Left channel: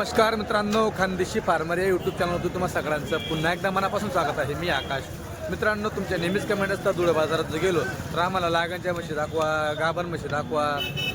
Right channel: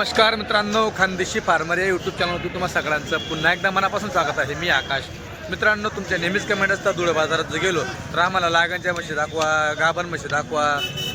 नमस्कार मित्रांनो खानदेशी फार्मर या यूट्यूब चॅनलवरती तुम्हाला सगळ्यांचं पुन्हा एकदा मनापासून स्वागत आहे. मी आकाश. मित्रांनो तुमच्या नेहमीच कमेंट असतात धुळे बाजारात जर गेलो तर आम्हाला लागणच्या म्हशी दाखवा गाभण म्हशी दाखवा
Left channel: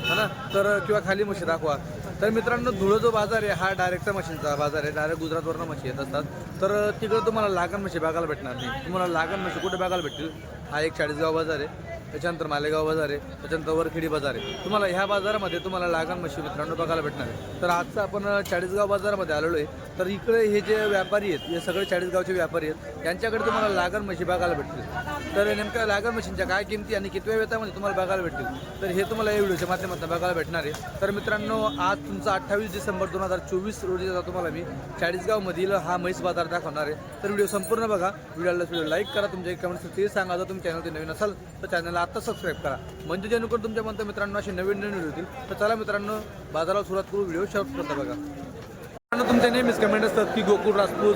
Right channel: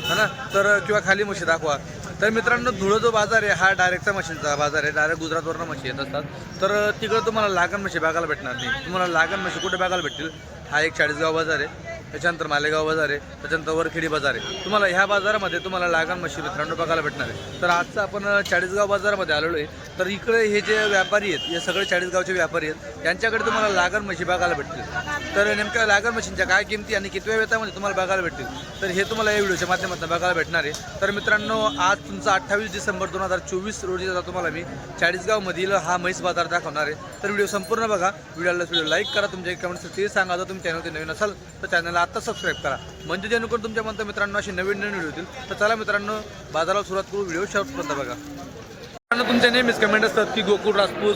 है ना? तर किंवा खाली म्हशी दाखवा. तर मित्रांनो धुळं जो बाजार आहे हा डायरेक्टचा मशीनचा बाजार आहे. डायरेक्ट गुजरातवरनं म्हशी येत असतात. तर तिकडं तुम्हाला लागण म्हशी बघायला भेटणार नाही. तुम्हाला लागण म्हशी कुठे बघायला भेटतील? हा एक चाळीसगाव बाजार आहे. त्याच्यानंतर मालेगाव बाजार आहे त्याच्यानंतर वरखेडी बाजार आहे. तुम्हाला ह्या बाजारामध्ये तुम्हाला लागण मशी मित्रांनो बघायला भेटणार आहे. तर आजचं आपण चाळीसगाव बाजारामध्ये आलेलो आहे. तर इकडे हे जे व्यापारी आहेत हे सगळे चाळीसगावचे व्यापारी आहेत यांच्याकडे तुम्हाला लागण म्हशी बघायला भेटतील. तर नेमक्या लागण मशीनच्या काय किमती आणि कितव्या वेतामध्ये तुम्हाला बघायला भेटतील? तर हे तुम्हाला या व्हिडिओच्या माध्यमातून बघायला भेटणार आहे. तर मित्रांनो आज तुमचा अठ्ठावीस डिसेंबर दोन हजार चोवीस रोजीचा तुम्हाला मी चाळीसगावमधील हा म्हैस बाजार दाखवणार आहे. तर व्हिडिओ संपूर्ण बघा. व्हिडिओला व्हिडिओ लाईक करा. तुमच्या कमेंट्स ते सांगा. जर तुम्ही चॅनल नवीन असाल तर चॅनलला आत्ता सबस्क्राईब करा. म्हणजे जेणेकरून तुमच्या म्हणता मित्रांनो असे नवीन नवीन व्हिडिओ येतील. तर चला मित्रांनो बाजाराला सुरुवात करू. व्हिडिओ शेवटपर्यंत बघा. मित्रांनो तुमच्या नेहमीच कमेंट असतात की गोकुळ राजपूत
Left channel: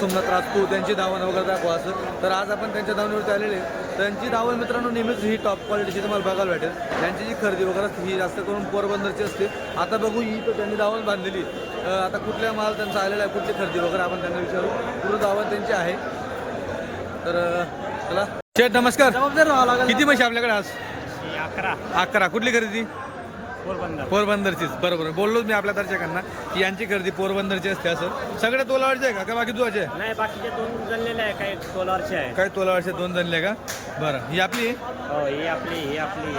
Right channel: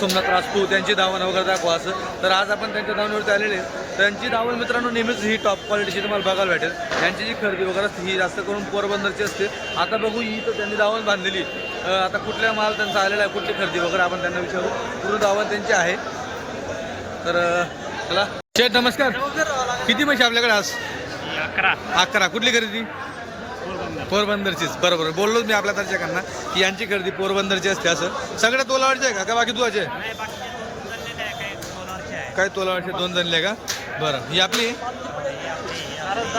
सोमनाथ राजपूत यांची धावणं वगैरे दाखवा असं. तर आज आपण त्यांच्या धावणीवरती आलेले त्यांची धावण मित्रांनो नेहमीच ही टॉप क्वालिटीची तुम्हाला बघायला भेटेल. त्यांची जी खरेदी वगैरे असते ही जास्त करून पोरबंदरची असते. आता बघू ही तर त्यांनी दावण बांधलेली आता कुठल्या माल त्यांचा आलेला आहे कुठली खरेदी वगैरे आपण त्यांना विचारू. पूर्ण धावण त्यांची आहे. तर चला. शेठ नमस्कार. किती म्हशी आपल्याकडे आज? अकरा. अकरा. कुठली खरेदी? पोरबंदर. पोरबंदरचीच. बरोबर. बोललोच मी आपल्या दर्शकांना की यांची खरेदी पोरबंदरची असते असं. सगळ्या तोलावरचे आहे का? का बाकी दुवाचे काय तोलावरचे दोन जणले का? बरं. ही आपली? आहे?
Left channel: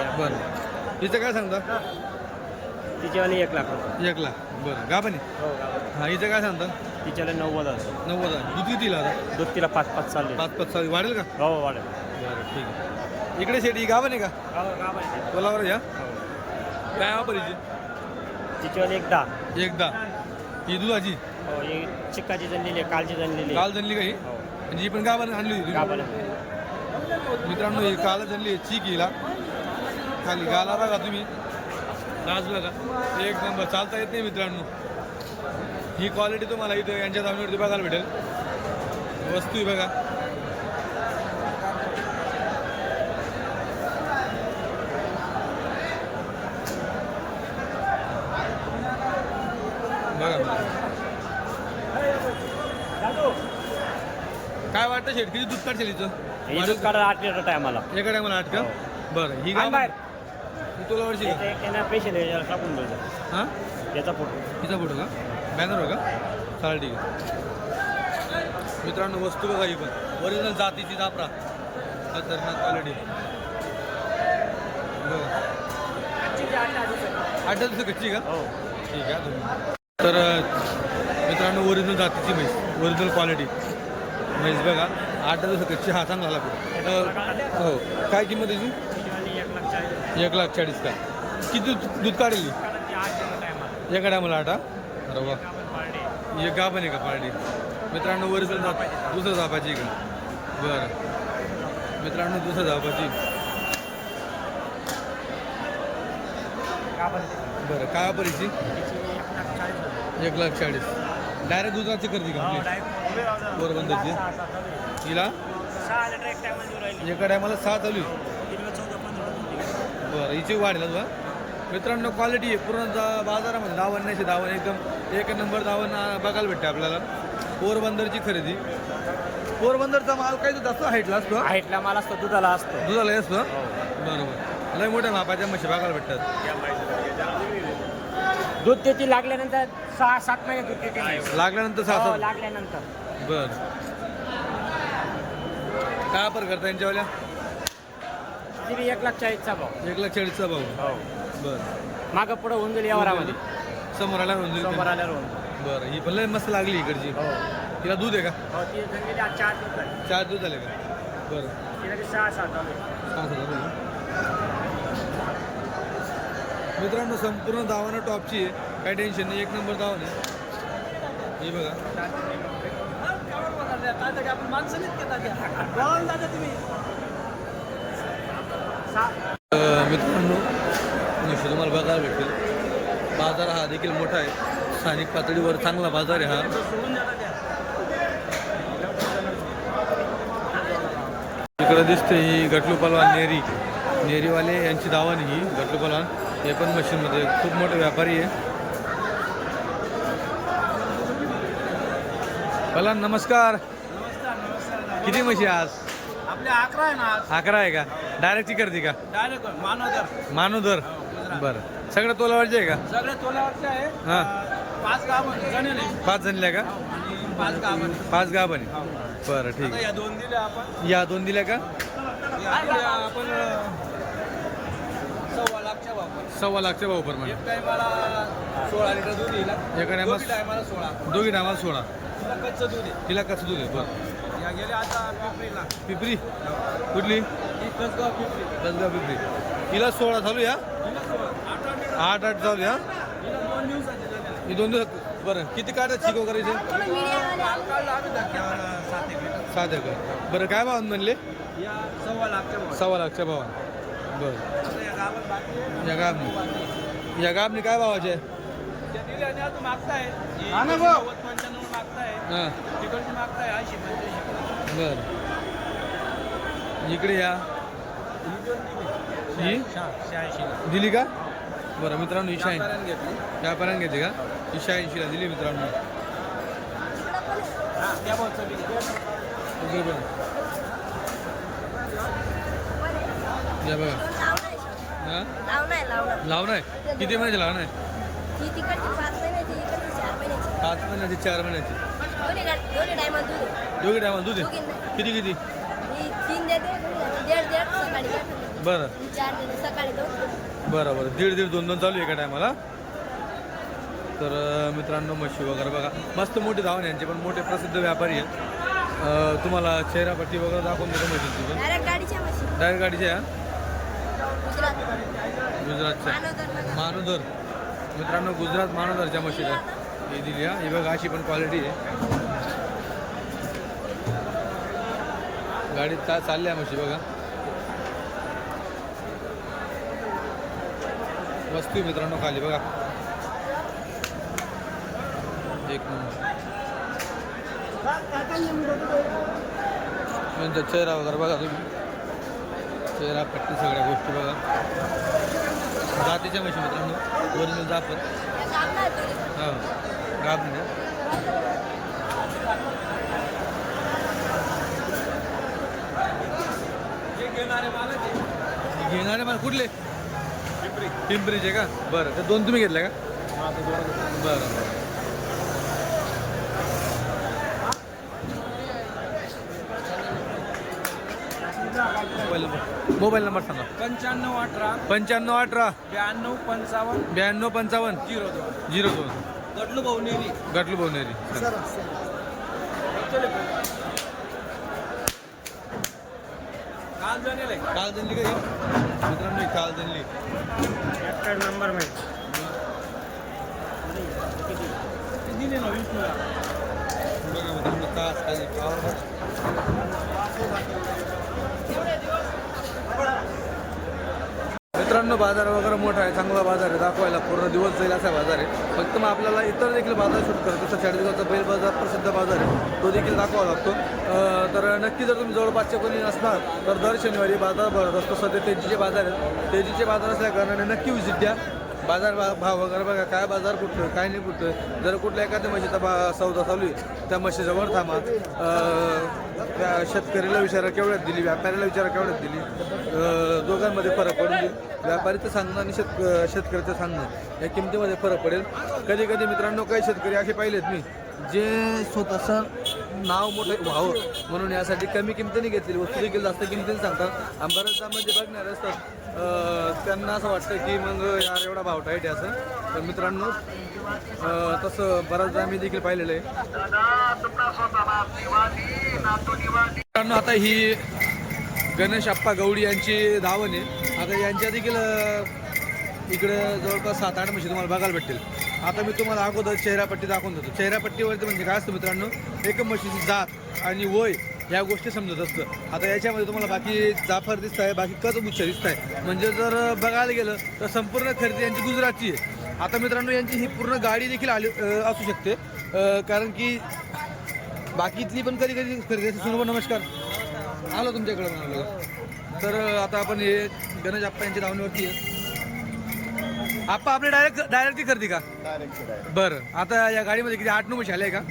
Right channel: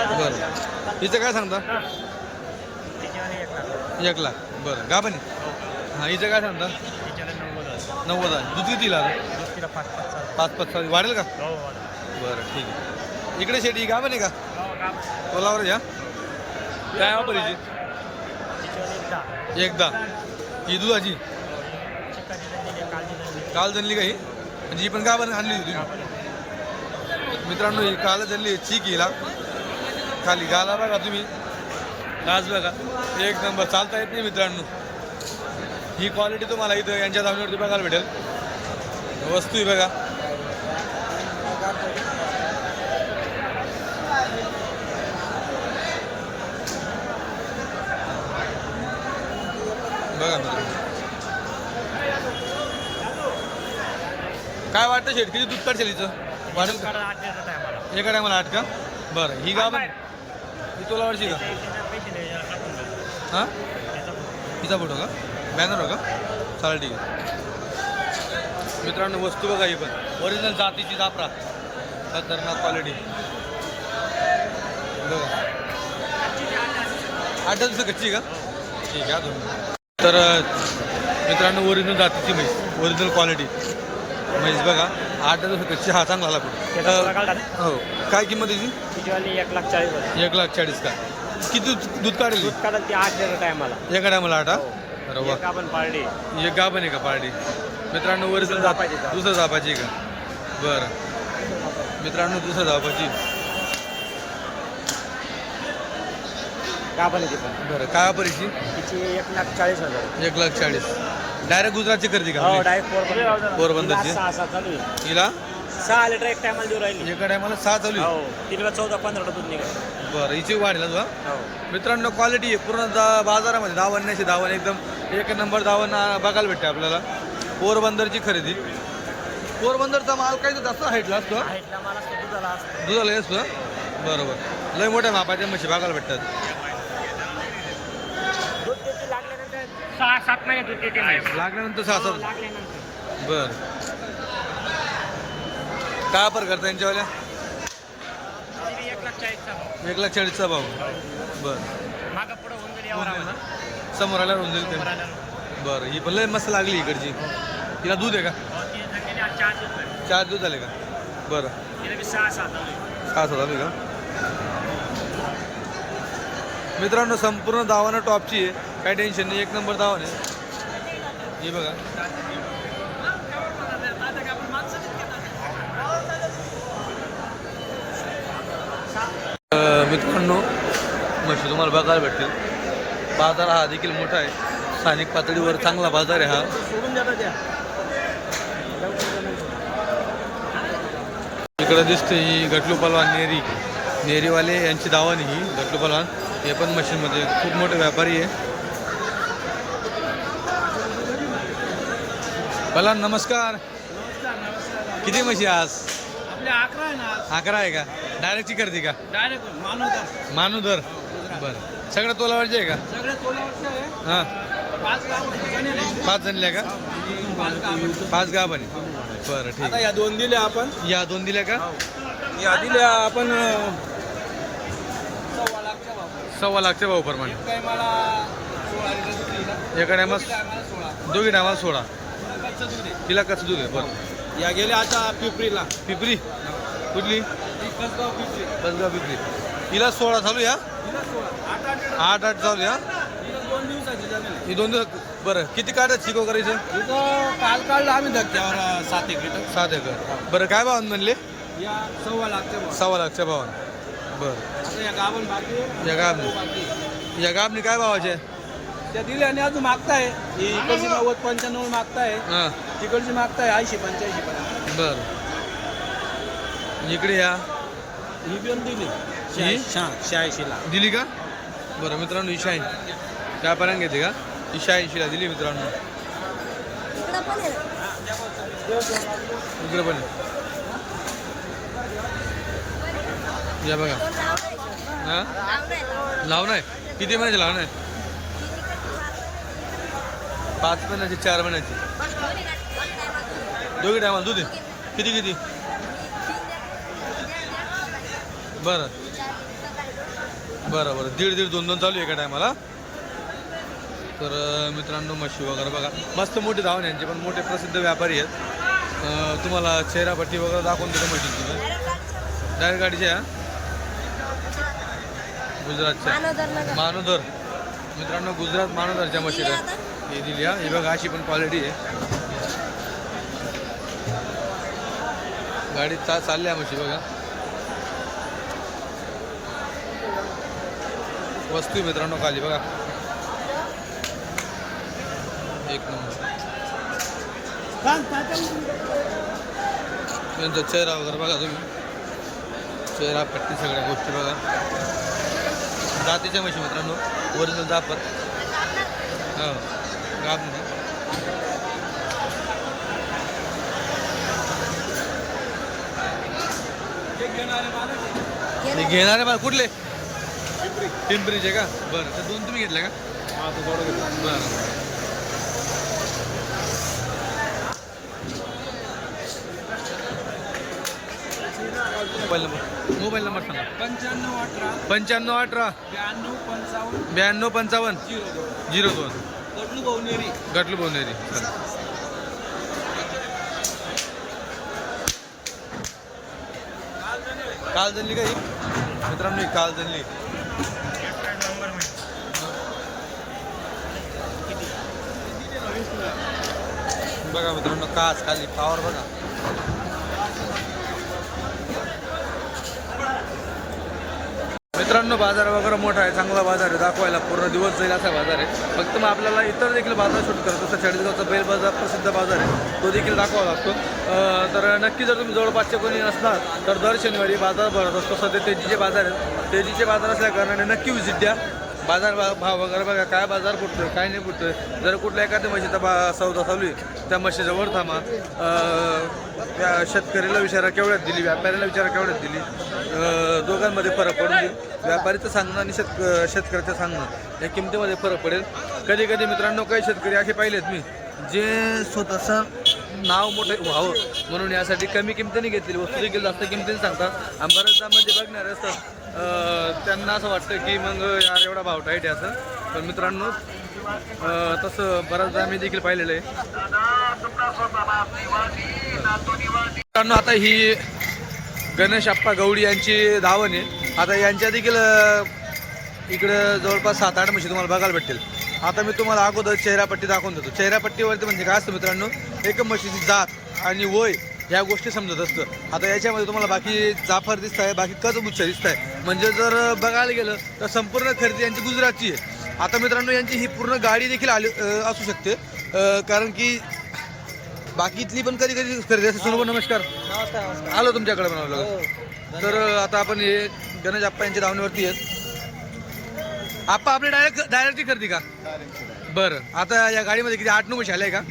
हो, बरं. हिचं काय सांगता? एक लाख. एक लाख. बरं. गा पण? हो. हां हिचं काय सांगता? नव्वद नव्वद दूध किती तिला पाच पाच पाच पाच वाढेल का? हो वाढ बरं ठीक आहे. इकडे शेट ही गा पण आहे का? हो? तोलावर या. काय वापर हिची तिच्यावाली एक दहा एकदा. ही दुधाची? ही आहे कालची आहे. काल जनली का ही? म्हणजे ही पण गा पण आणली होती तुम्ही. मित्रांनो ही काल जनली चीक हिला. खाली गाला बघा तुम्ही. गाज बघा. एक नंबर चालता येत नाही मित्रांनो. ही क्वालिटी तुम्हाला इथं यांच्या दावणीवरती बघायला भेटेल. वस्तू आहे बघा मित्रांनो काय वाटतं शेट? किती दूध काढशील हिचं? ही वाढेल? आठ लिटर टायमाला. एका टायमाला आठ का? बरं ही गाव ही तोलावरची का? पेशंट टाकून द्यायचं हां? त्याचा फोटो. का? बॅनर हो का? चालेल ठीक आहे. मित्रांनो वस्तू बघा ही पण. ओरिजिनल जातीची जापरा खतरनाक क्वालिटी बघा. आठ दिवस कच्ची का? हो. ठीक आहे तर मित्रांनो ओरिजिनल जातीची म्हैस. ओरिजिनल क्वालिटी म्हैस बघा आठ दिवस हा चांगला आला हो काय किंमत याची? तिच्यावाली एक लाख चाळीस एक लाख चाळीस का? किती दूध काढेल? एका टायमाला आठ अरे वा. एक गा पण आहे का पार्टी? मित्रांनो ओरिजिनल जात दुसरं जापाची का? बरं. मित्रांनो दुसरं जापाची बरं काय परिची एक लाख चाळीस एक लाख चाळीस. डायरेक्ट गुजरातची खरेदी का हो आपली पोरबंदरची? हिला? सहा लिटर एक टायमाला देऊ राहिली. एका टायमाला सहा चालू आहे? हो. चौदा पंधरा दूध निघाल. बरं हिची वाढेल तुला मित्रांनो क्वालिटी आहे. पूर्ण जा- बाजारामध्ये दावण्याची दावण एकदम एक नंबर दावण आ, बघायला भेटते आपल्याला. पोरबंदरची खरेदी. पोरबंदरचा माल काय तो जास्त हाईटला असतो? हा? हाईटला माल असतो दुधाला असतो. दुधाला असतो हा? बरोबर. लय मोठ्या मापाच्या म्हशी बघायला भेटतात. दूध त्याची लागल्यानंतर सहा सात महिने दूध देते म्हैस. लागल्यानंतर सहा हो, सात लागल्यानंतर. बर. काय वापर करता यांच्यावाल्या? तिची एक लाख चाळीसचा भाव. एक लाख चाळीसचा भाव. बर. मागं पुढं होऊन जाईल यावर समोर आल्यावर होऊन जाईल समोर ते. आल्यावर होऊन. बरं ही पण लय मस्त लागली इकडची. हो. तिला दूध आहे का? हो, आज चार दिवस झाले. चार दूध झाले का? बरं. तिला बी सहा सात आहे. सहा सात झाली का? मित्रांनो संपूर्ण धावानं टॉपची आहे. काही टेन्शन नाही. एक नंबर धावन आहे. ही बघा. मित्रांनो म्हशी तुम्हाला बघायला भेटतील. बाजार हा देखील मोठा आहे. स्थानिक पातळीवर चांगला बाजार आहे हा. इकडं दिसते ही गटलू पलवान नेरी नेरीवाले यांची दावण ही गटलू पलवान हे पण मशीनमध्ये खूप मोठे व्यापारी आहे. पहिला नमस्कार. नमस्कार नमस्कार. किती म्हशी आज? आपल्या अकरा आहे ना आज. अकरा आहे का? डायरेक्टची करते का? डायरेक्ट मानवदार मानुदर. हो. बरं. सगळं तोलावरचे आहे का? सगळे तोलावरचे आहे. हा. पाच गाव पाच का? हो, आणि पाच गाव पाच गाव बने बरं ठीक. आता या दोन दिले आपण. आहे या दोन दिल्या का? या दिल्या आपण लाखच्या वापर सव्वा लाखच्या भाऊ प्रमाणे एक टायमाला सोळा लिटर दूध येईल एका टायमात टायमाला सोळा. दोघी टायमाला सोळा. तुला कच्चं दूध आहे. तिला कसं दूध आहे बरं. या गेल्या आता पिपरीला. पिपरी? कुठली? कसं पिपरी. दसगाव पिपरी. तिला सोळा चालू या तिला सोळा. आठ आठ. आठ आठ चालू या तिला दोन दिवसाची झाली ही दोन दिवस बरं. किती काढत चिको करायचं? काल काढला आम्ही धक्क्यावर सात एक लिटर. सात एकर. बरं काय भावान म्हणले? या सव्वा लाखच्या भाव सव्वा लाखच्या भावान. बरं. आता या गावन बाकी या गाबने या गाबने काय भावाचे दिल्या आणि अजून मागताय. ही नव्वद पंच्याण्णव मागताय. हां. तिकडची मागताय ऐंशी पंच्याऐंशी बरं. इकडे या. ही दिली. ही? शहाऐंशीला. दिली का? बरं मित्रांनो ही काय पर्यंत घेते का? ही शहाऐंशीला दिली मित्रांनो. इकडे पण. या बघा. हा? लावणं आहे किती महिन्याची लावणं आहे? पाच महिन्याची चार महिन्याची. दोघी टायमाला दूध आहे? किती किती? बरं. बरं बरं. दीड दीड दोन दोन चालू आहे एका टायमाला तर मित्रांनो म्हशी वगैरे बघा. मस्त मोठे धावण यांचे पण मोठे प्रसिद्ध व्यापारी आहेत. तुम्हाला चेहरापट्टी वगैरे दाखवून देतो म्हशीची पण. डायरेक्ट गाडीच्या आहे? गुजरातच्या. मानोदर. मित्रांनो गुजरात मानोदरच्या म्हशीला हे दिली हा. ही बघा अशी पण क्वालिटी आहे. गाडीत चा चालल्या म्हशी बघा. वस्तू मित्रांनो खाली बघा. एक नंबर. त्यांचा चेहरा वगैरे बघा तुम्ही. चेहरा पट्टी सगळ्या गोष्टी बघा. जातीच्या म्हशी मित्रांनो ओरिजिनल जापर हो गाब घेणारे आहे मला कुठले? पिंपरीचे का? बरं ते दोन तुम्ही घेतले का? बरं बरं. पहिलं बरं मोबाईल नंबर सांगा. पंच्याण्णव अठरा पंच्याण्णव अठरा. ब्याण्णव पंचावन्न ब्याण्णव पंचावन्न. झिरो दोन. झिरो दोन. वडलू भाऊनेरी गटलू भवनेरी. चला. काल झालेले काल जनली का ही? मित्रांनो ही काल जनली नंबर बघा मित्रांनो कास खाली पावर बघा. मित्रांनो बाजार वगैरे मोठा आहे चांगला बाजार आहे दाखवायला पूर्ण दिवस जाईल असा बाजार आहे. फक्त मग आपल्याला इतर देखील बाजार शूट करतो तसं चाळीसगावचा बैल बाजार प्रसिद्ध बाजार आहे. तो देखील दाखवावा लागतो. तर नक्की जर तुम्ही जवळपासचे कोणी असणार तर दर शनिवारी बाजार भरत असतो. सध्या तेजीचे बाजार आहेत. तेजीचे बाजार असल्या कारणाने नक्की व्हिजिट द्या. बाजार भाव वगैरे बघा काय बाजार फुटतोय काय नाही फुटतोय. जर कुठल्या एखाद्या म्हशीचा बा सौदा चालू आहे त्या म्हशीजवळ थांबा. त्या शेतकऱ्याला विचारा केवढ्यात दिली व्यापाऱ्याला विचारा केवढ्यात दिली. दोघांमध्ये फरक पडून देईल व्यापारीचं सांगणं आणि शेतक शेतकऱ्याचं सांगणं या किमतीमध्ये फरक पडेल. कधी कधी मित्रांनो काही शेतकरी असे पाहिलेत मी जे स्वतःचं नाव मोठं व्हावं म्हणून यासाठी कमी किमतीने घेतलेली वस्तू देखील जास्त किमतीने सांगतात. आणि बऱ्याचदा म्हणजे बघणारे असतात त्यांना असं वाटतं की मग यार एवढा भाव टाईट आहे असं. पण मित्रांनो तसं बऱ्याचदा मी देखील पाहिलेलं आहे. मित्रांनो आता ही गणेश आप्पा गवडी यांची धावण आहे. आता यांच्या देखील इकडं जवळपास सात आठ म्हशी तुम्हाला बघायला भेटतील. आता मी तुम्हाला अगोदर चेहरापट्टी दाखवून देतो. चेहरापट्टीवरती म्हणजे काय असतं मित्रांनो एक म्हशीची जात आणि वय ह्या गोष्टी समजत असतं. आता याच्यामध्ये तुम्हाला बाकी जाफर दिसत आहे बाकी कचबुच्छ दिसत आहे म्हणजे जर बघायला गेलं तर संपूर्ण खरेदी यांची गुजरातची आहे. आता मित्रांनो यांची ही पूर्ण गाडी देखील आली असू शकते. कारण की बाकीतली पण कधी कधी खरेदी असते. सोनोबा नमस्कार. आलो तुमच्याकडे आलो तर आता आपण हे गणेश आप्पा यांच्या धावणीवरती आहेत. आप्पा आपले डायरेक्ट डायरेक्टची खरेदी का? बरं. आता या गाडीमध्ये किती? आठ नऊ आल्या आहे का?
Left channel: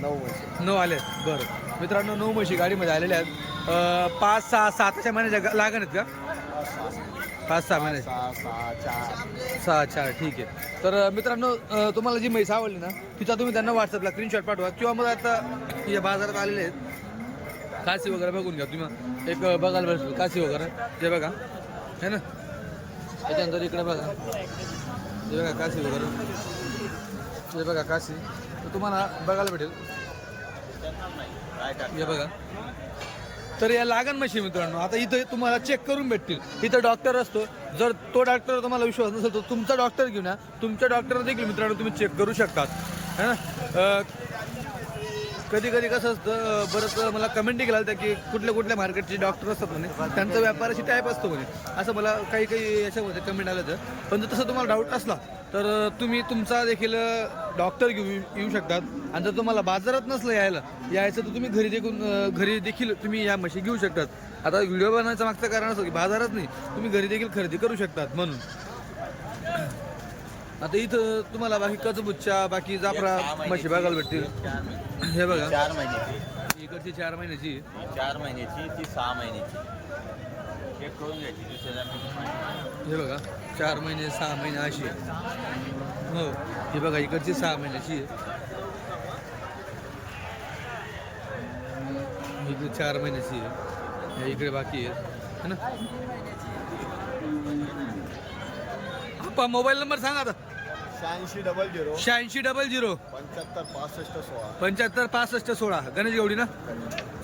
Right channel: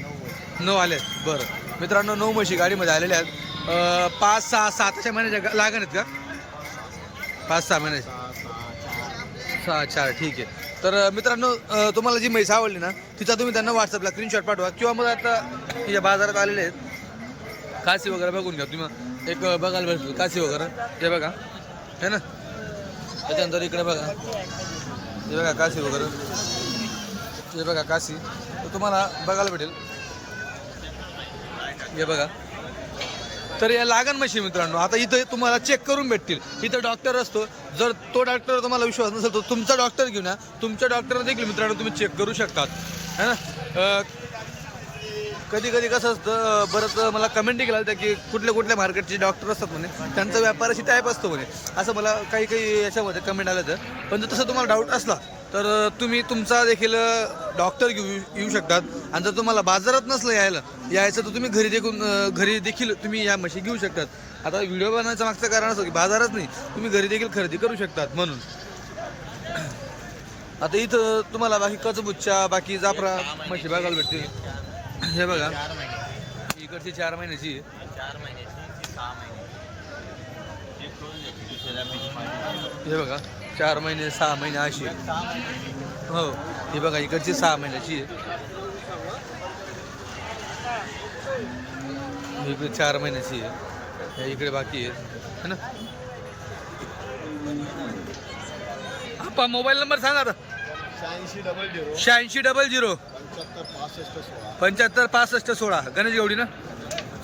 नऊ आले बरं. मित्रांनो नऊ म्हशी गाडीमध्ये आलेल्या आहेत. पाच सहा सातच्या महिन्याच्या लागण आहेत का? पाच सहा महिन्याचे सहा चार ठीक आहे. तर मित्रांनो तुम्हाला जी म्हैस आवडली ना तिचा तुम्ही त्यांना व्हॉट्सअपला स्क्रीनशॉट पाठवा. किंवा मग आता या बाजारात आलेले आहेत. काशी वगैरे बघून घ्या तुम्ही. एक बघायला भेटतील काशी वगैरे. ते बघा. है ना? त्याच्यानंतर इकडे बघा. ते बघा काशी वगैरे. हे बघा काशी. तर तुम्हाला बघायला भेटेल. हे बघा. तर या लागण म्हशी मित्रांनो आता इथं तुम्हाला चेक करून भेटतील. इथं डॉक्टर असतो. जर तो डॉक्टर तुम्हाला विश्वास नसेल तर तुमचा डॉक्टर घेऊन या. तुमच्या डॉक्टर देखील मित्रांनो तुम्ही चेक करू शकतात. है ना? कधी कधी कसं असतं बरंच मला कमेंट केला होत्या की कुठल्या कुठल्या मार्केटचे डॉक्टर असतात म्हणे. त्यांचा व्यापाराशी टाईप असतो म्हणे. असं मला काही काही याच्यामध्ये कमेंट आलं तर. पण जर तसं तुम्हाला डाऊट असला तर तुम्ही तुमचा देखील डॉक्टर घेऊ येऊ शकतात. आणि जर तुम्हाला बाजारात नसलं यायला यायचं तर तुम्ही घरी देखून घरी देखील तुम्ही या म्हशी घेऊ शकतात. आता व्हिडिओ बनवायचं मागचं कारण असं की बाजारात नाही तुम्ही घरी देखील खरेदी करू शकतात म्हणून. आता इथं तुम्हाला बाकी कचबुच्चा बाकी जाफरा म्हशी बघायला भेटतील. हे बघा. इकडची चार महिन्याची. चार महिन्याची ती सहा महिन्याची. हे बघा. चार महिने सहा महिने अशी. हो हे बघा इकडची सहा महिन्याची आहे. इकडे चार महिन्याची आहे. इकडे बाकी आहे. है ना? आपा मोबाईल नंबर सांगा आता. शहाऐंशी डबल झिरो. शहाऐंशी डबल झिरो. पंच्याहत्तर पासष्ट सोळा. पंच्याहत्तर पासष्ट सोळा. गणेश गवडी ना?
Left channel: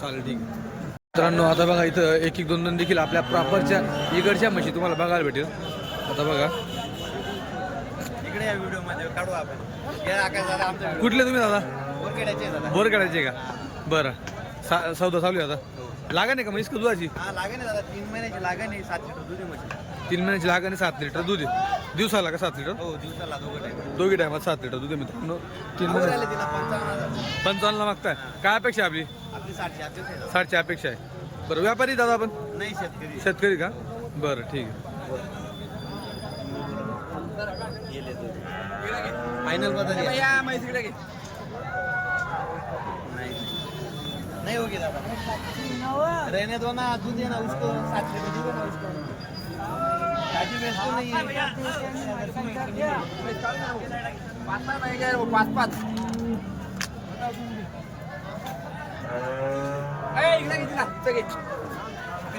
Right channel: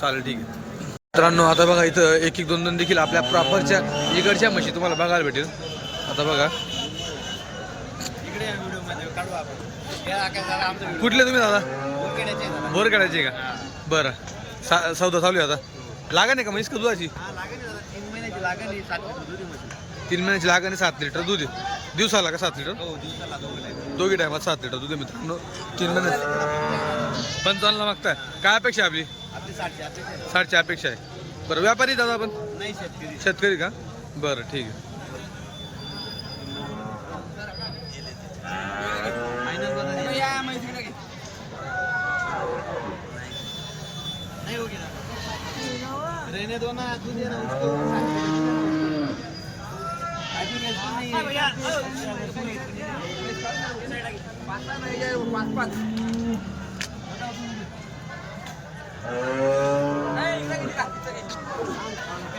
चालेल ठीक आहे. मित्रांनो आता बघा इथं एक एक दोन दोन देखील आपल्या प्रॉपरच्या इकडच्या म्हशी तुम्हाला बघायला भेटेल. आता बघा. कुठले तुम्ही दादा? बोर काढायचे का? बरं. सा सौदा चालू आहे आता. लागण आहे का म्हैस का दुधाची? तीन महिन्याची लागेल आहे सात लिटर दुधी म्हशी. तीन महिन्याची लागण आहे सात लिटर दूध. दिवसाला का सात लिटर? हो दोघं लिटर. दोघी टायमात सात लिटर दूध मित्रांनो. तीन महिन्याची पंचावन्नला मागताय. काय अपेक्षा आहे आपली. साठची अपेक्षा आहे. बरं व्यापारी दादा आपण? नाही शेतकरी. शेतकरी का? बरं ठीक आहे. फायनल बदल या मैत्रीला घे. नाही हो दादा रहने दो ना दूध उसको नहीं है है। आहे, पाच पाच.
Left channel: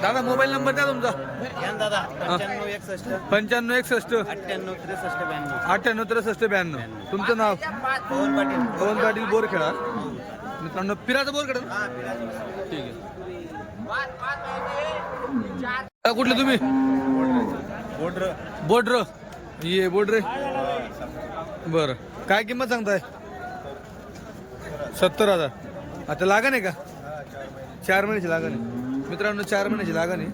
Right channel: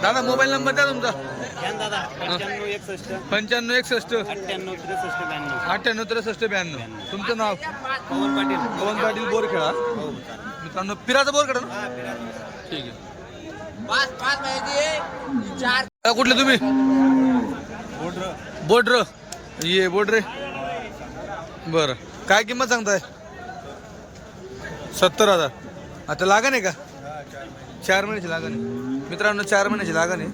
दादा मोबाईल नंबर द्या तुमचा. दादा पंच्याण्णव एकसष्ट. पंच्याण्णव एकसष्ट. अठ्ठ्याण्णव त्रेसष्ट ब्याण्णव. अठ्ठ्याण्णव त्रेसष्ट ब्याण्णव. तुमचं नाव? पवन पाटील. पवन पाटील बोरखेडा. हो. मित्रांनो पिराचं बोरखेडा ना? हा. ठीक आहे. पाच पाच माहिती चार. अ, कुठले तुम्ही? बोर्डर बोड्र ये बोड्रे बरं. काय किंमत सांगताय? सत्तर हजार. आता लागण आहे का? चार महिने. चार महिन्याची लागण आहे. मित्रांनो चार महिन्याची लागण आहे.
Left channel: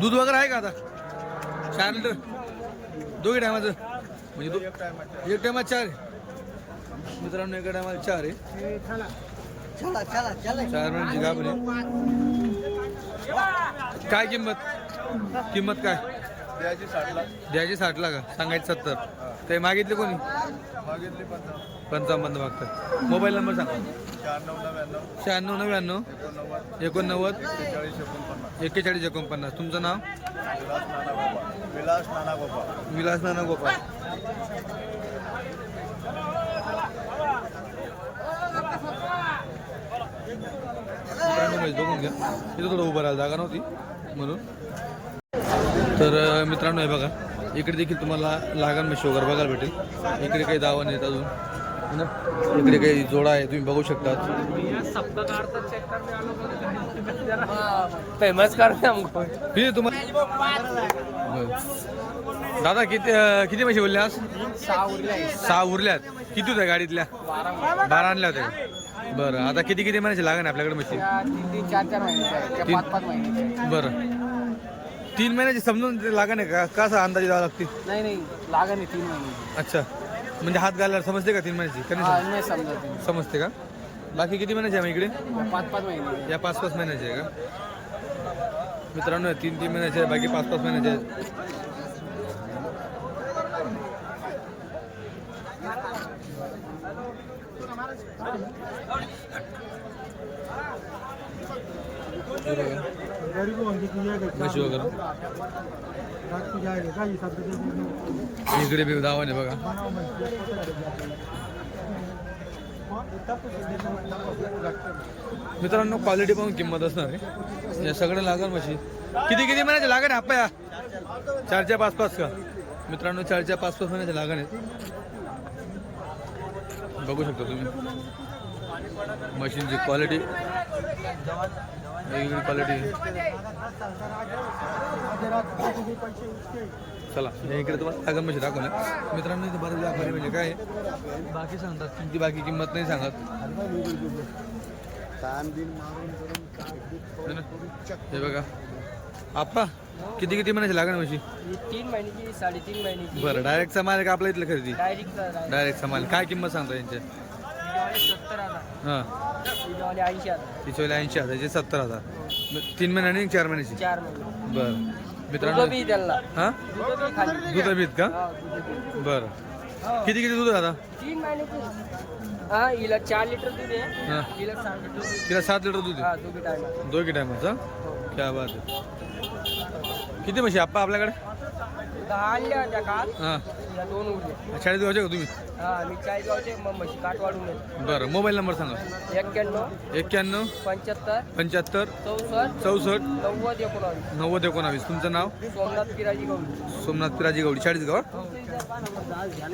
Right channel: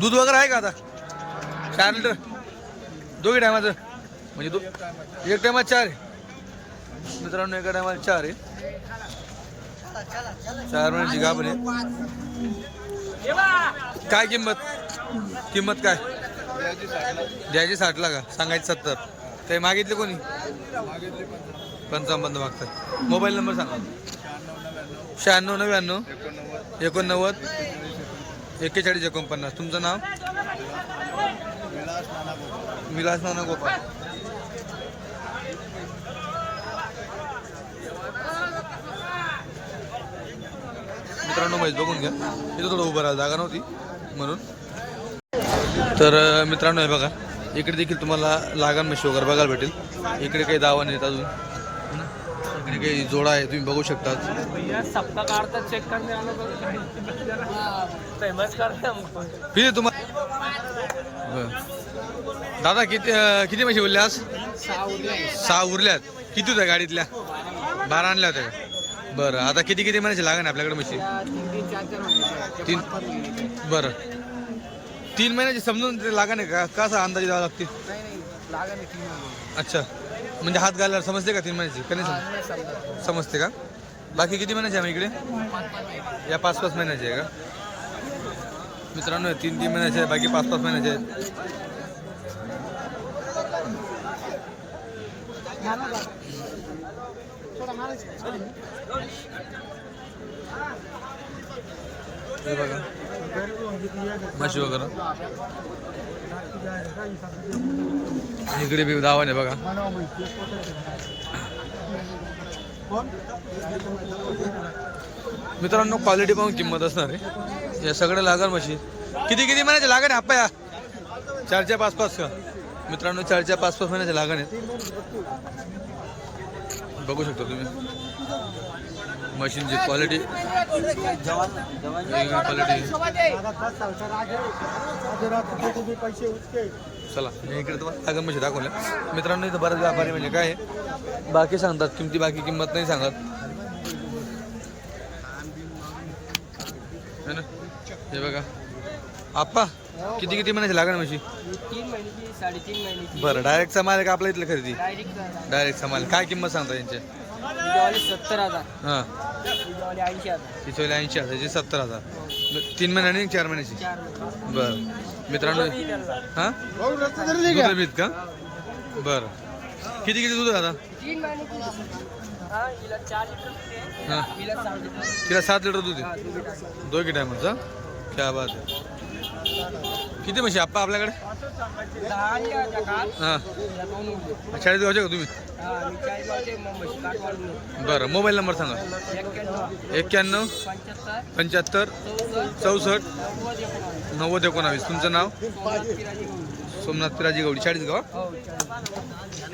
दूध वगैरे आहे का आता? चार लिटर? दोघी टायमाचं. म्हणजे दो एक टायमात चार आहे. मित्रांनो एका टायमाला चार आहे. चार महिन्याची गाभण आहे काय किंमत? किंमत काय? द्यायची साठला का सांगायची सत्तर. ते मागितले कोणी? मागितली पंचावन्न मागतात. मोबाईल नंबर सांगा. शहाण्णव नव्याण्णव. शहाण्णव नव्याण्णव. एकोणनव्वद. एकोणनव्वद. एक्केचाळीस एकोणपन्नास. तुमचं नाव? विलास नाना गोपाळ. विलास नाना गोपाळ विलास नाना गोपाळ मित्रांनो म्हैस बघून घ्या. इथं थोडं उभं राहिलं जागा नव्हती म्हणून. तर मित्रांनो हे बघा. इकडे देखील तुम्हाला लागण म्हशी वगैरे बघायला भेटेल. इकडे काही दावा नाहीत अजून. ना? इकडे काही जोडा आहे तुम्ही बघू शकता फेमस करते किती तुम्हाला बरं. दादा किती किती म्हशी बोलले आज? सहा उरले सहा उरल्यात. किती होत्या गाडीतल्या? बारा आणल्या होत्या का? बरं आता किती किती महिन्याची लागण आहे आपल्याकडे म्हशी? तीन चार चार महिने महिने बरं. तीन महिन्याची समजून लागण आहे का? कसा अंदाजे द्यावा लागते नाही नाही. लागा नाही तीन महिने. अच्छा. म्हणजे हात घालायला समजते का तीन महिन्याची? का नाही समज- नाही समजत. समजते का? बाकी किती महिन्याचे आम्ही इकडे? या पाच पाच महिन्याची आहे का? मित्रांनो तीन तीन महिन्याचे बाकी पाच पाच महिन्याचे आहेत. हे बघा. म्हशी वगैरे. इकडे बी दावाने बघा. मित्रांनो क्वालिटी पाहून किंमत असणार आहे. या सगळ्या लागल म्हशी. किती किती महिन्याचे लागण आहे आप्पा या? चारच्या पाच पाच का? मित्रांनो चारच्या पाच पाच महिन्याचे लागण आहेत. बघू शकता तुम्ही. मशीनची क्वालिटी क्वालिटी चला मी इकडे तुम्हाला लागण म्हशी दाखवल्या मित्रांनो इथं बरेच व्यापारी म्हणजे काय बाकी सांगतात किमती बाकी किंमत नाही सांगत. है बघा. आप्पा किती किती महिन्याची लागण म्हशी? तीन महिन्याची साडेतीन महिन्याची. बरं डायरेक्टचा माल का आपल्या इथलं खरेदी? डायरेक्ट डायरेक्टचा माल. काय किंमत सांगता यांच्या सत्तर हजार. हां. ऐंशी हजार. तिथे ऐंशी हजारची सत्तर हजार. तीन महिन्यानी चार महिन्याची? चार महिने. बरं. मित्रांनो ती त्यांना. हां? दूध बीत का? हा, दूध. बरं. किती किती दूध आहे आता? तीन महिन्याची. हा हिला चार लिटर दूध आहे. हां. हिला सात लिटर दूध तिला सात लिटर दूध हा आहे दूध आहे दोघी टायमाचा क्या बात आहे. किती म्हशी आप्पा आपल्याकडे? दहा आणल्या त्या काल. हां. दोन उरले. शाळेत का तुम्ही? हा मी बरं मोबाईल नंबर सांगा. एक्क्याण्णव एक्क्याण्णव पंच्याहत्तर पंच्याहत्तर चौसष्ट चौसष्ट नव्वद एकोणावीस नव्वद एकोणावीस. तुमचं नाव? सोमनाथ किराजी गौरी सोमनाथ पिराजी गवडी चाळीस गाव हो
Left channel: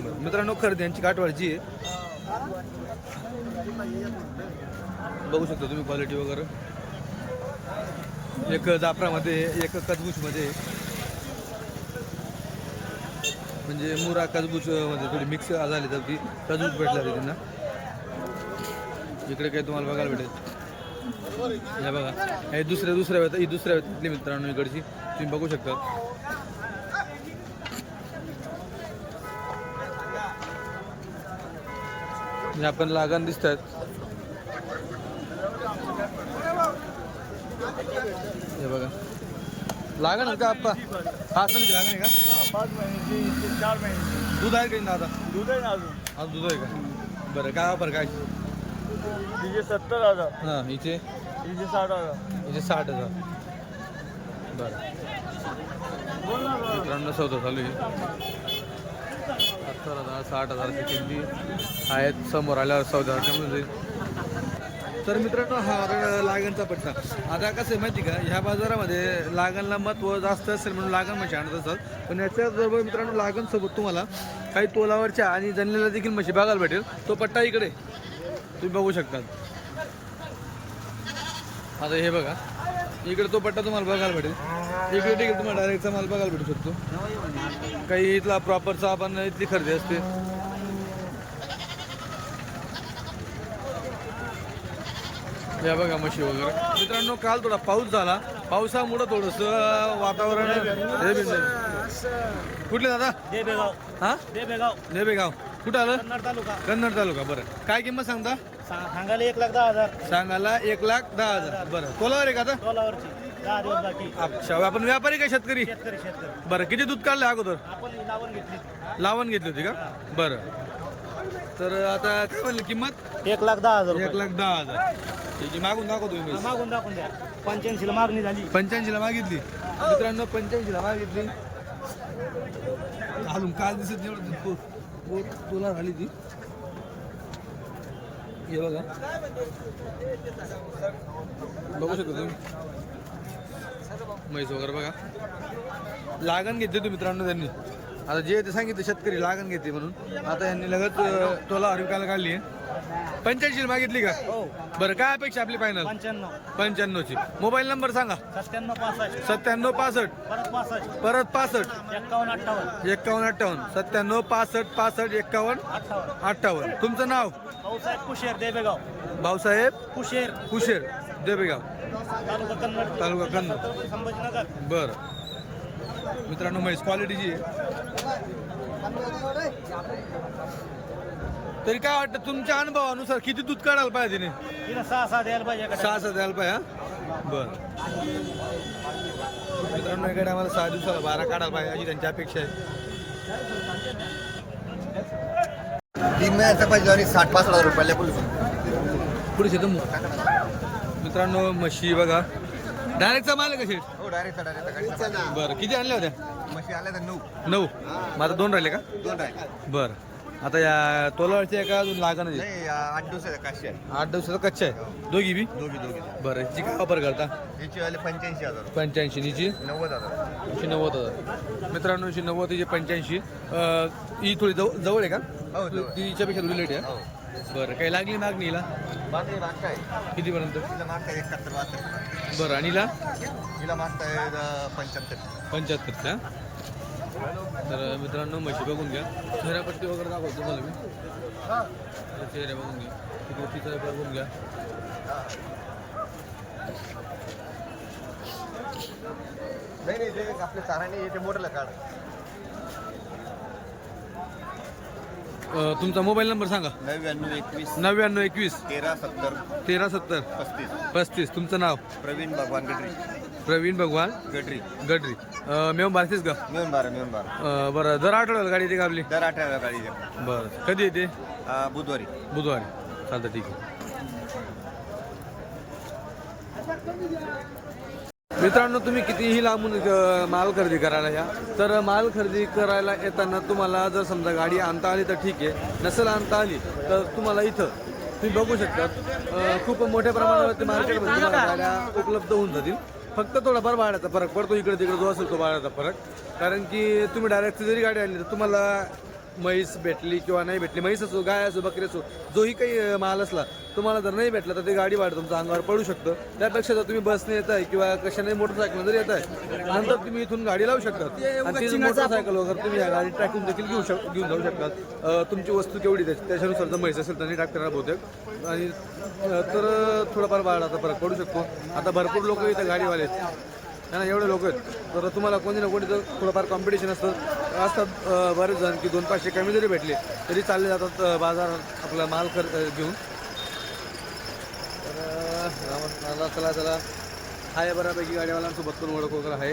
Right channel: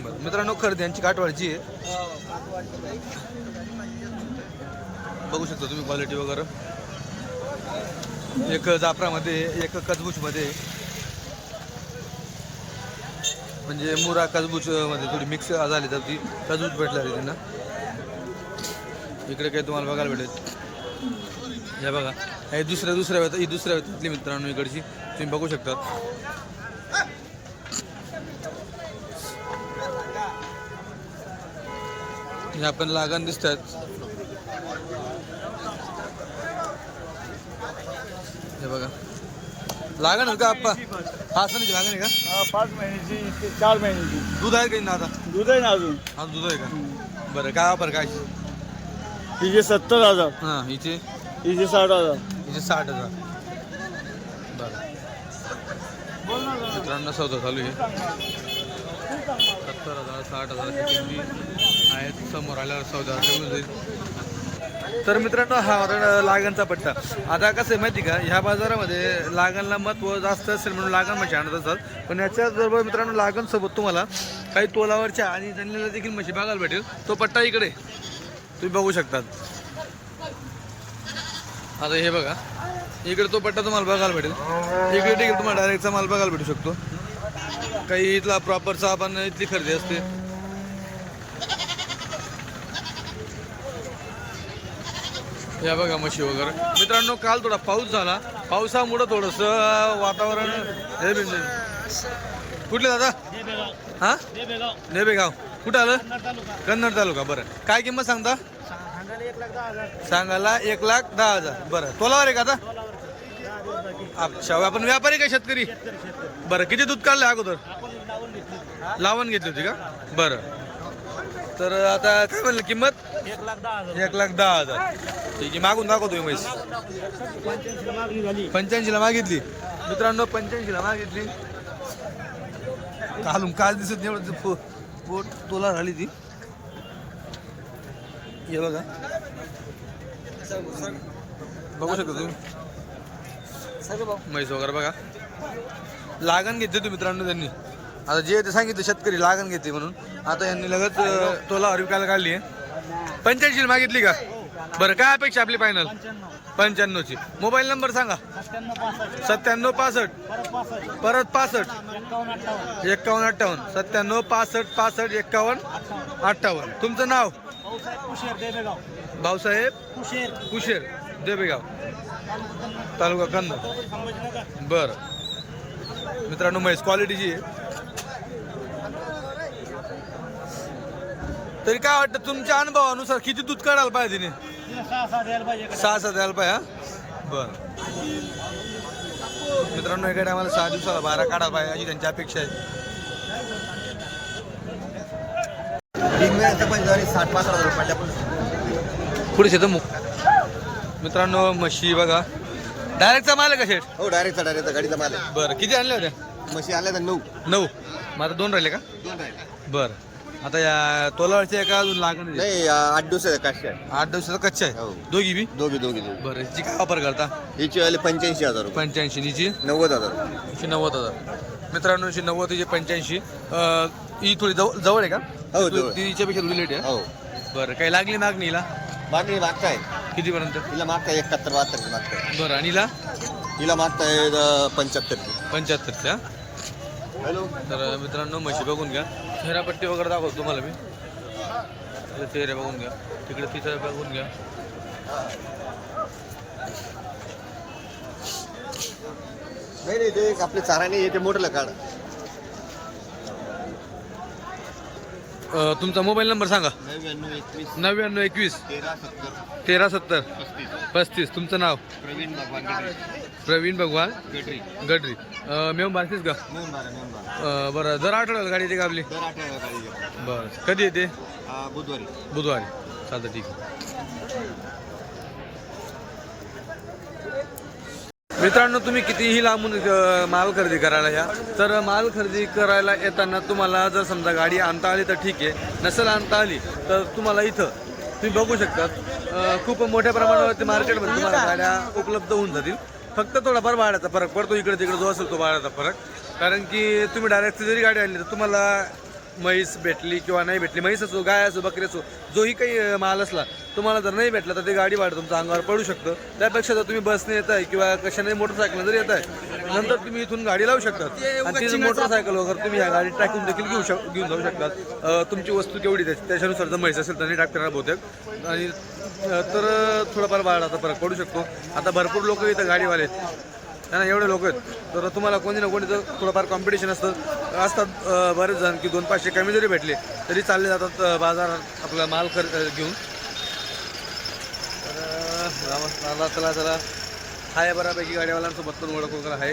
बरं मित्रांनो खरेदी यांची काटवाडची आहे. बघू शकता तुम्ही क्वालिटी वगैरे. एक जाफरामध्ये एक कचबूचमध्ये म्हणजे मुरा कचबूच मध्ये म्हणजे थोडी मिक्स झाली तर ती काजबूज भेटला रे त्यांना. इकडे काही तुम्हाला बघायला भेटेल. या बघा. हे दुसऱ्या दुसऱ्या वेळात ही दुसऱ्या वेळातली मित्रांनो इकडची. तुम्ही बघू शकता. आपण लागण दिसतात. हे बघा. लागण का आप्पा? हा असं नाही लागण आहे का? पाच महिन्याची ते चार महिन्याची दूध आहे का आता? दूध आहे ना अजून. हा दूध आहे का? बरं काय वापर काय? तिचे सत्तर हजार. हां इथे? तिचे साठ हजार. इथे साठ हजार. बरं. बोल ना जरा. मित्रांनो सौदा चालू आहे. सत्तर हजार साठ हजाराची किमती आहेत समोर आल्यावर चौदा कमी होईल तर मित्रांनो हा होता लागणचा पट्टा. आता कसं आहे माहिती का ह्या बाजारामध्ये लागणला महत्त्व जास्त असेल म्हणून लागण म्हणजे आणत असतात. पण याच्याचबरोबर मित्रांनो लागण सोबत तुम्हाला काही तोलावरच्या आणि जणलेल्या देखील म्हशी बघायला भेटेल. तो पट्टा इकडे तुम्ही बघू शकतात. आता हे बघा. इकडे तो पट्टा तुम्हाला बघायला भेटेल. इकडे देखील तुम्हाला डायरेक्टचा माल बघायला भेटू शकतो. काही इथला प्रॉपरचा आपण इथली खरेदी असते. या बघा म्हशी वगैरे. मित्रांनो काल थोडा पाऊस झाला. पावसामुळं थोडंसं वातावरण हे कुठले दादा? हा? नेबेगाव. कुठं आलं? कन्नड तालुका. बरं. काय किंमत सांगता? सांगायला एक लाख दहा हजार. बरं. तोलावर आहे का आता? अच्छा. आपण व्यापारी का शेतकरी? बरं. किती दूध काढलं अगोदर? आपण लावून घेतली लावण घेतली होती का? बरं. तर आता काय म्हणलं किंमत? एक लाख दहा हजार. एक लाख दहा हजार. ठीक आहे मागून दाखवतोय म्हैस पंच्याऐंशी मागणी झाली. पंच्याऐंशीला मागितली. मित्रांनो पंच्याऐंशीला मागितली. घालून काल दिसत नाही एवढं पो- पोट तोला झाली ती. हे बघा. बघू शकता तुम्ही? म्हैस वगैरे बघा. लागण घेतली होती मित्रांनो त्यांनी. आता जे ते सांगितलं शेतकरी लागण घेते म्हणून. आता यांनी लगेच अं, तोला विकायला काढली आहे. पंच्याऐंशीला मागितली का? हो बरं काय अपेक्षा आपली फायनल पंच्याण्णव. पंच्याण्णवची. मोबाईल नंबर सांगा. सत्त्याण्णव पासष्ट. सत्त्याण्णव पासष्ट. परत पासष्ट. परत पासष्ट. एक्कावन्न अठ्ठावन्न. एक्कावन्न अठ्ठावन्न. सत्त्याण्णव पासष्ट पासष्ट एक्कावन्न अठ्ठावन्न. अठ्ठावन्न. तुमचं नाव? भाऊसाहेब कुशेर देबेगाव. भाऊसाहेब कुशेर. कुशेर देबेगाव. तालुका कन्नड. तालुका कन्नड. छत्रपती संभाजीनगर. बरं. मित्रांनो म्हैस क्वालिटीची आहे. तरी काय वाटतं तुमच्या अनुभवानुसार किती दूध काढायला पाहिजे तिने? सहा सहा द्यायला पाहिजे. सहा सहा द्यायला पाहिजे हा? बरं. मित्रांनो इकडे आम्हाला सहा दिवसाला बारा काढायला पाहिजे अशी त्यांची अपेक्षा आहे. पुढे शेत मग मित्रांनो म्हशी बघा. डायरेक्टचा माल आहे का शेठ? हो डायरेक्ट डायरेक्ट गाडीचा माल. बरं किती आणल्या होत्या? म्हशी आल्या तर नऊ. नऊ. मग आता दोन राहिले का? दोन राहिले. बरं. आता या तोलावरच्या एका अजून लागण नाही आ, आठ दिवस आहे काशी आहे आठ दिवसाचा कच्चा हो. आहे दोघी बी? दोघी दोघी दोघी. बरं हिची काय वापर करता? हिची वाले पंच्याऐंशी हजार रुपये. पंच्याऐंशी हिची नव्वद हजार. एकशे नव्वद हजार. मित्रांनो एकशे नव्वद हिची पंच्याऐंशी. अं, ही थोडी जवळ जवळ आहे का? हो, ती- जवळ. तिच्यापेक्षा थोडी लेट आहे हो? बरं काही लागली मागणी हिला? मागणी मागताय कितीपर्यंत? हिला मागताय एकाहत्तर बहात्तर मागताय बरं आणि हिला? हिला मागताय पंच्याहत्तर. पंच्याहत्तरच्या. तर मित्रांनो म्हशी बघून घ्या. चेहरापट्टी वगैरे दाखवतो तुम्हाला मी. चेहरे बघून घ्या. तिकडे तिचं बघून घ्या. नाही नाही ते आपले चाराने येते मोठलं काढ. तुमचा मोबाईल नंबर सांगा. नव्याण्णव एकवीस. नव्याण्णव एकवीस. तेरा सत्तर. तेरा सत्तर. पस्तीस. पस्तीस. तुमचं नाव? प्रवीण भगवान गडरी प्रवीण भगवान गडरी. गडरी. मेव बारतीस का? मिळून बारा मिळून बारा. अं, बरं. दर आठवड्याला गाडी येते का आपली? दर आठवड्याला गाडी येते. बरं. कधी येते? बुधवारी. बुधवारी. चालतं ठीक आहे. मित्रांनो तुम्ही कितीही लांबून अ, माल खरेदी करायला या तर माल खरेदी करायला येताना तुम्हाला जर समजा गाडी आणता आली तर ठीक आहे. नसेल आणता आली तर तुम्हाला इथं तुम्ही बघू शकतात. अ, खूप मोठ्या प्रमाणावरती मार्केटमध्ये तुम्हाला गाड्या उपलब्ध होऊन जातील. फक्त थोडाफार भाड्याचा फरक पडतो. इकडे तिकडे जो असेल तो भाड्याचा फरक. कारण की तुम्ही डायरेक्ट जरी गाडी आणली तर तुम्हाला म्हैस भेटली किंवा नाही भेटली म्हैस असो गाय असो बकरी असो जोही काही माल असला तुम्हाला जर नाही भेटला तर ते गाडी भाडं तुमच्या अंगावर पडू शकतं. त्यापेक्षा जर तुम्ही बसने येत आहे किंवा कशाने मोटरसायकल जर येत आहे नंतर तुम्ही इथून गाडी लावू शकतात आणि तीच मोटरसायकल वगैरे तुम्ही या गाडीत टाकून देखील घेऊ शक घेऊन जाऊ शकतात तुमची वस्तू केवढी त्याची त्याच्यानुसार जर म्हैस असेल तर नाही टाकणार बहुतेक. आणि तर तर थोडाफार भाडाचा फरक पडू शकतो. आता भरपूर लोक इथं गाडीवाले आहेत. ना एवढे लोक आहेत. तर तुम्हाला कोणी ना कोणी तर थोडंफार कॉम्पिटिशन असतं. असतात बरेच जण की दोन पाचशे कमी जरी भेटले तरी चालले जातात बाजारात आपला माल कर घेऊन. तर चला चला चला. आहे बऱ्यापैकी गाडीवाल्यांसोबत पण ओळख वगैरे आहे.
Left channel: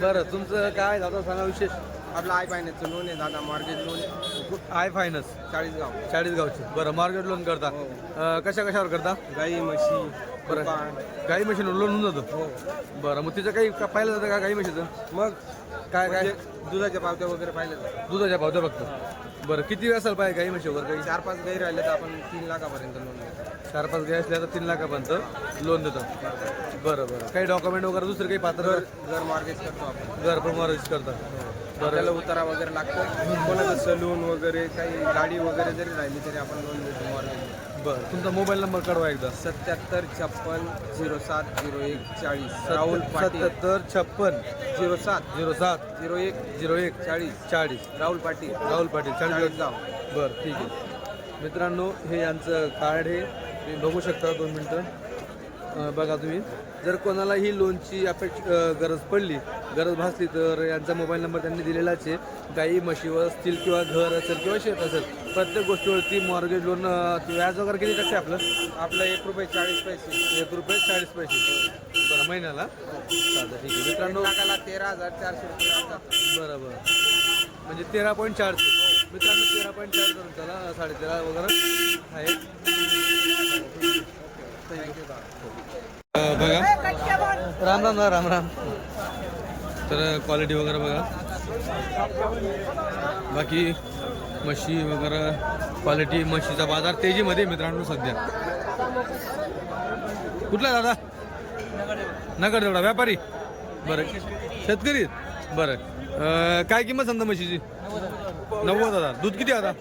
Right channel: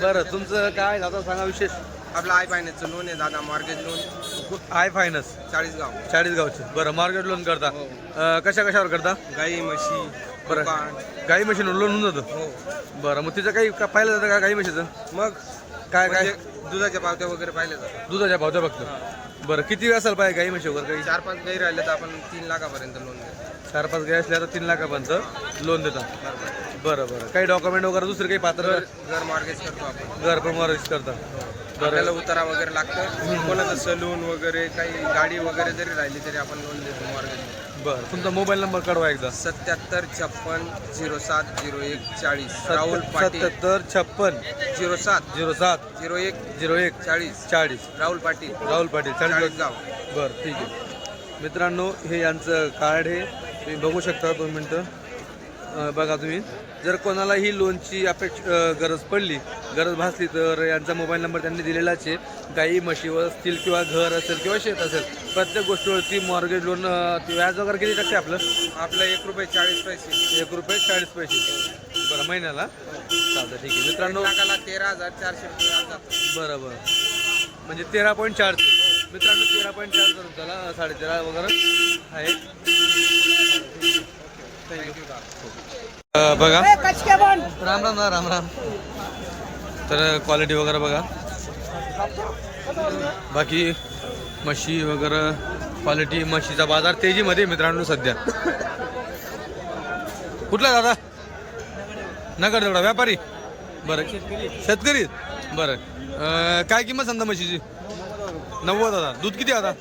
बरं तुमचं काय दादा? सांगा विशेष. आपलं आय फायनान्सचं लोन आहे दादा मॉर्गेज लोन आय फायनान्स चाळीस गाव चाळीस गावचे बरं मार्केट लोन करता अं, कशा कशावर करता? गाई म्हशी बरं. दुकान. गाई म्हशीनं लोन होऊन जातं? हो. बरं मग तिचं काही का- पाहिलं जातं का गाई म्हशीचं? मग? काय काय? म्हणजे दुधाच्या पावत्या वगैरे पाहिल्या जातात. दुधाच्या भावत्या फक्त. बरं किती असेल पाहिजे गाई म्हशी वगैरे काही? चार पाच गाई राहिले तर आपण तीन लाखापर्यंत लोन देतो. चार पाच गाई असल्या तर तीन लाखापर्यंत लोन देतात बरोबर. बरं बरं. काही डॉक्युमेंट वगैरे दुसरे काही पात्र घर मॉर्गेज करतो आपण. घर पण मॉर्गेज करता. आपल्याला उतारा वगैरे लागतं कोणाचं सलून वगैरे काही गाडी वगैरे जरी राहिली तरी आपण लोन देतो मॉर्गेज बरं. तुमचा मोबाईल नंबर कळवा एकदा. सत्याहत्तर छप्पन झिरो सात झिरो एक चाळीस. राहुल पाटील. सत्याहत्तर छप्पन झिरो सात. झिरो सात झिरो एक झिरो एक चाळीस. चाळीस. राहुल पाटील. राहुल पाटील चाळीस गाव बरं ठीक आहे. मित्रांनो हे यांचं कार्ड आहे. तुम्ही बघू शकता दोन मिनटं. अं, बघा तुम्ही. जर कोणाला ही लोनची अपेक्ष गरज पडली गरज भासली तर यांचा मोबाईल नंबर त्यांनी दिलेलाच आहे. गाई म्हशीवर असतील किंवा घर असेल किंवा शेत असेल प्रत्येक गोष्टीवरती मॉर्गेज लोन व्याज वगैरे किती टक्के आपलं? आपलं एक रुपये चाळीस पैसे. एक रुपये चाळीस पैसे. बरं महिन्याला? चालतं ठीक आहे. मित्रांनो लाखाला तेरा हजार चारशे रुपये. बरं बरं. म्हणजे तेरा पॉईंट चारशे मित्रांनो तेरा पॉईंट चार करून चला साडेतेरा वगैरे आहे. अं, बघा. राम राम ना राम राम. तर क्वालिटी वगैरे बघा. बाकी म्हशी वगैरे क्वालिटी म्हशीचा बाजार तेजीमध्ये मित्रांनो सध्या. कुठला दादा? नगर तेवढा व्यापारी? बरं. शेतकरी? बरं. काय किंमत सांगता म्हशीची? नव्वद हजार दूध किती आता?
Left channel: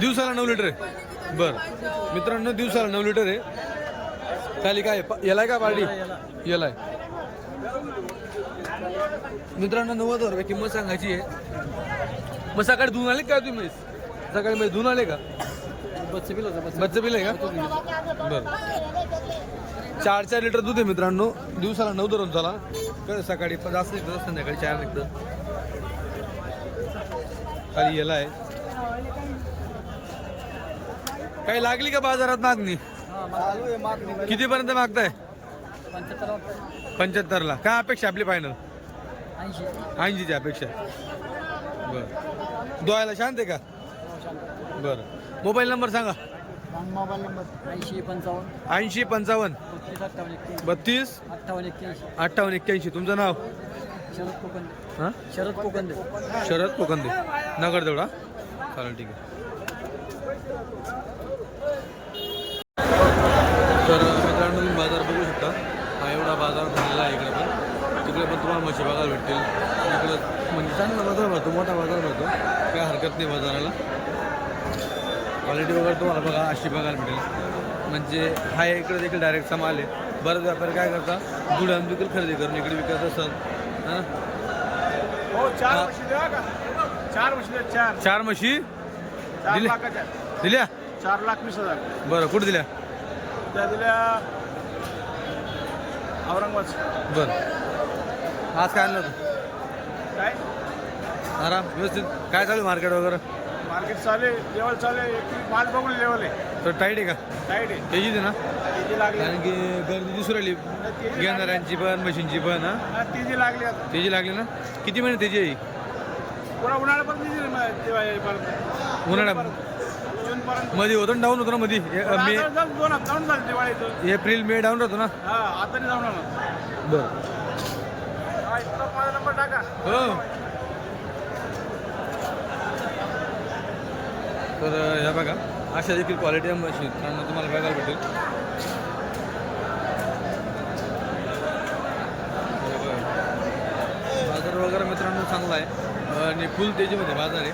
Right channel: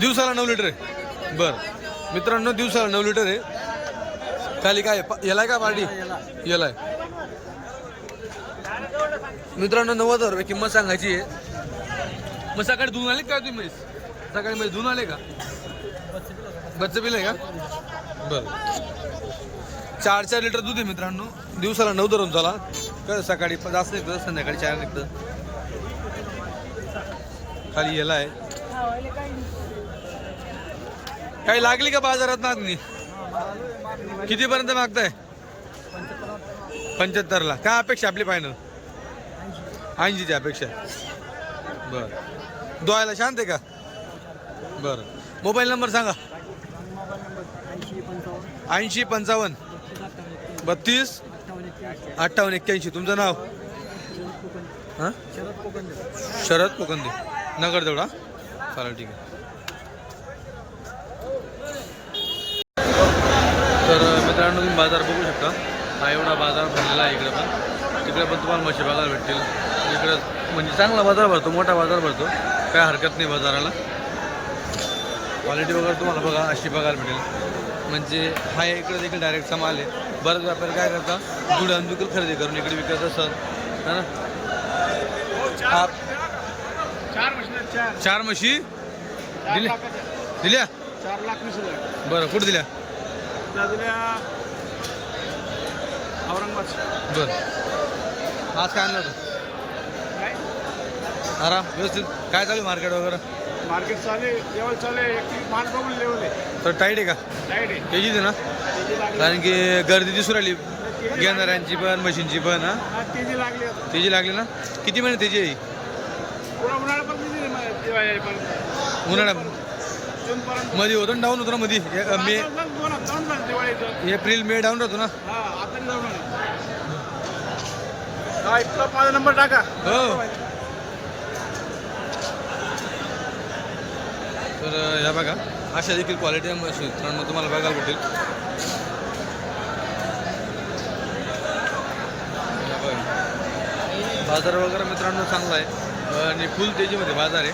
दिवसाला नऊ लिटर आहे. बरं. मित्रांनो दिवसाला नऊ लिटर आहे. खाली काय प- याला का पार्टी? याला मित्रांनो नव्वद हजार रुपये किंमत सांगायची आहे. मग सकाळी धुवून आले का तुम्ही? सकाळी म्हणजे मध्ये धुवून आले का? मच्छ बिल आहे का? बरं. चार चार लिटर दूध आहे मित्रांनो. दिवसाला नऊ धरून चला. कळ सकाळी प- जास्त निघतं संध्याकाळी चार निघतं. खाली याला आहे काही लागली का बाजारात मागणी? कितीपर्यंत मागताय? पंच्याहत्तरला. काय अपेक्षा आपली फायनल ऐंशीच्या अपेक्षा. बरं. दोयाला शांत आहे का? बरं. मोबाईल नंबर सांगा. ऐंशी पंचावन्न. बत्तीस. अठ्ठावन्न एक्क्याऐंशी. तुमचं नाव? हां? शरद कोकंदे. शरद कोकंदे. नगर तेवढा चालेल ठीक आहे. तर मित्रांनो तुम्ही बाजार बघू शकता. हा एवढा बाजार भरलेला आहे इकडे पण. तिकडे पण तुम्हाला म्हशी बघायला भेटतील. इकडं म्हणजे चांगला बाजार भरतो मोठा बाजार भरतो. काय हरकत नाही बाजाराला. क्वालिटी वगैरे तुम्हाला बघा अशी बघायला भेटेल. म्हणजे हा इकडे देखील डायरेक्टचा माल आहे. बरेच व्यापारी काय करता दुड्यान देखील खरेदी करून इकडे विकत असतात. है ना? हा, चार म्हशी चार चार. म्हशी? चार दिले? लाखाच्या. दिल्या? चार लाख वीस हजार. बरं कुठे दिल्या? त्या दिल्या औरंगाबाद. बरं. आज काय आणलं होतं? काय? आराम व्यवस्थित. काय चालू मार्केट वगैरे? मार्केट चाले लेवल चाले एक माल बघून लेवल आहे. तर टाईट आहे का? टाईट आहे. त्याचीच आहे ना? तेजी लागली. कारण की गर्दी दिसून राहिली. तेजी लागली. घेणाऱ्यांची पण मशीनची पण हा? हा, तेजी लागली आता. त्याची लागली ना? किती महिने त्याची आहे? पुन्हा उन्हाळ्यापर्यंत तेजी म- दिवाळीपर्यंत उन्हाळ्यात मध्ये होतं डाऊन होतं ना मध्ये मे झालं दिवाळीचं एप्रिल मे डाऊन राहतो ना? हा आता नाही जाऊन ना बरं. माझा नंबर टाका. हो. तर ह्या बघा अशा देखील क्वालिटी मशीन. मित्रांनो तुम्हाला बघायला भेटेल. बाजार वगैरे मित्रांनो चांगला आहे. आणि फुल तेजीमध्ये बाजार आहे.